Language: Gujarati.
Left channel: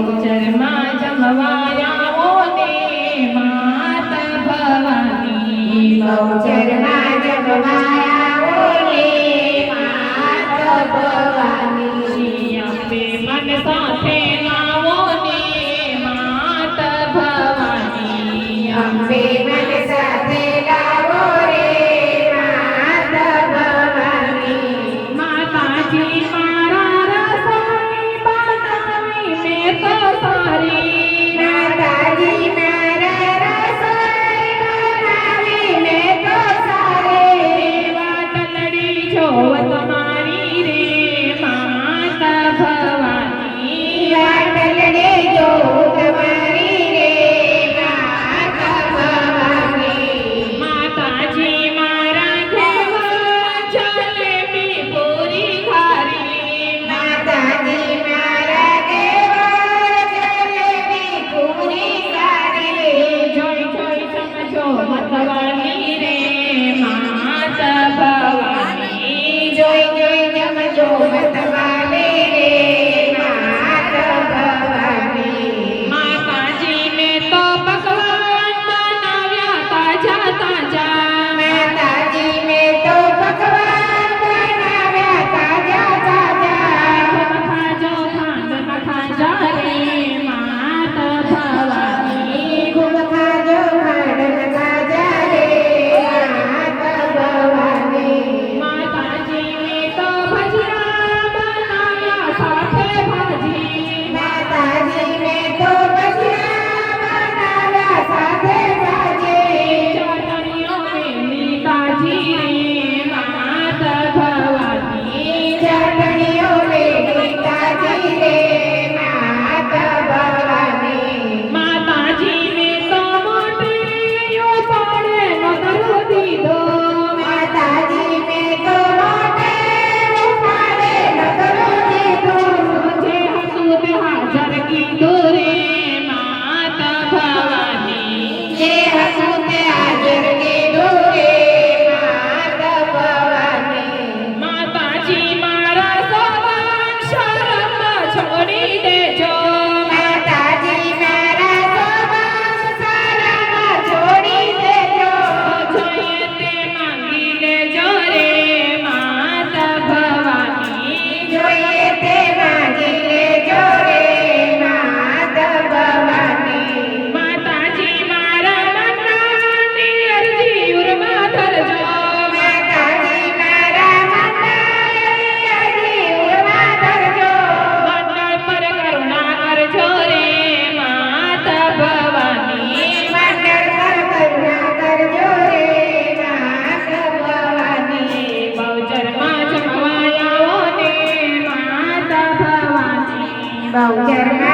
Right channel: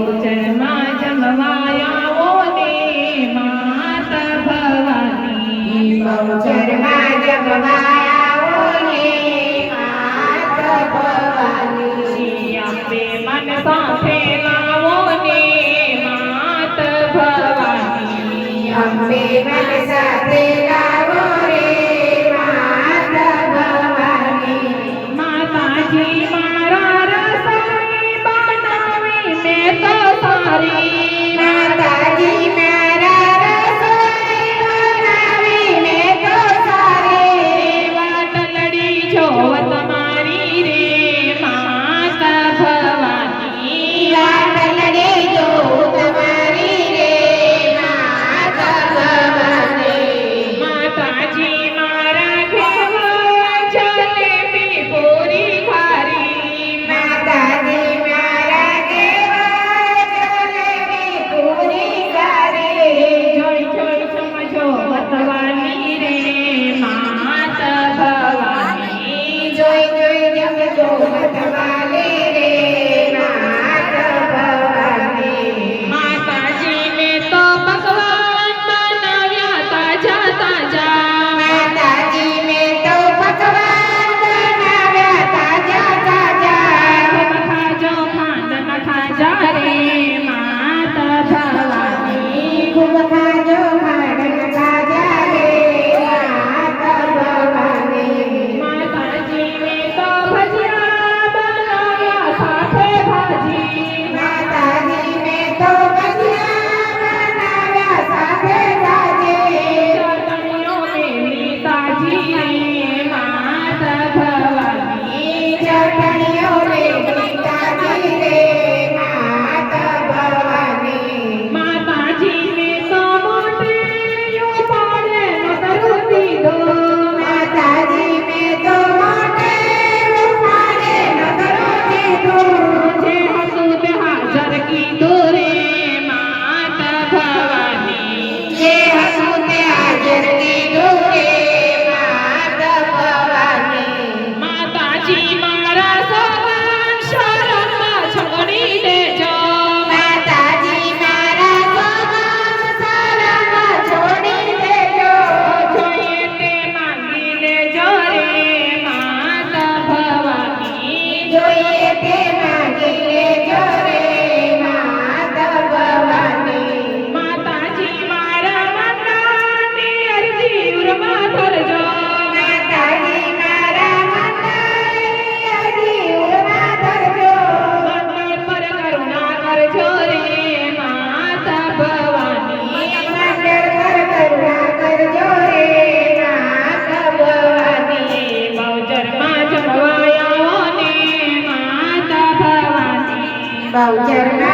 બહુચરમાં જમવાયાઓ ને માત ભવાની બહુચરમાં જમવાયાઓ ને માત ભવાની અંબે મન સાથે લાવો ને માત ભવાની અંબે મન સાથે લાવો રે માત ભવાની માતાજી મારા રસોઈ બનાવી મેં તો સારી માતાજી મારા રસોઈ બનાવી મેં તો સારી વાતલડી જોવત મારી રે માત ભવાની વાટલડે જો તમારી રે માત ભવાની માતાજી મારા ઘેર જલેબી પૂરી ખારી માતાજી મારા ઘેર જલેબી પૂરી સારી જોઈ જોઈ સમજો મતવાની રે માત ભવાની જોઈ જોઈ જમજો તમારી રે માત ભવાની માતાજીને તો ભગવાન બનાવ્યા તાજા તાજા માતાજીને તો ભગવાન બનાવ્યા તાજા તાજા ખાજો ખાંડમાં ખાજા રે માત ભવાની ખૂબ ખાજો ખાંડમાં ખાજા રે માત ભવાની માતાજીને તો ભજીયા બનાવ્યા સાથે ભાજી માતાજીને તો ભજીયા બનાવ્યા સાથે ભાજી ચટણીઓ મેલી તાજી રે માત ભવાની ચટણીઓ લેલી તાજી રે માત ભવાની માતાજીને તો મોઢેયો પાડે નોતરું દીધું માતાજીને તો મોઢે ઉપાડે નગર દીધું જે હતું તે હાજર કીધું રે માત ભવાની જે હતું તે હાજર કીધું રે માત ભવાની માતાજી મારા સવાન શરમ છોડી દેજો માતાજી મારા સવાસ શરમ છોડી દેજો જોઈએ તે માંગી લેજો રે માત ભવાની જોઈએ તે માંગી લેજો રે માત ભવાની માતાજી મારા મનની અરજી ઉરમાં ધરજો માતાજી મારા મનની ઉરમાં ધરજો મંડળ પર કરુણા કરજો રે માત ભવાની મંડળ પર કરુણા કરજો રે માત ભવાની બહુચરમાં જમવાયાઓ ને માત ભવાની બહુચરમાં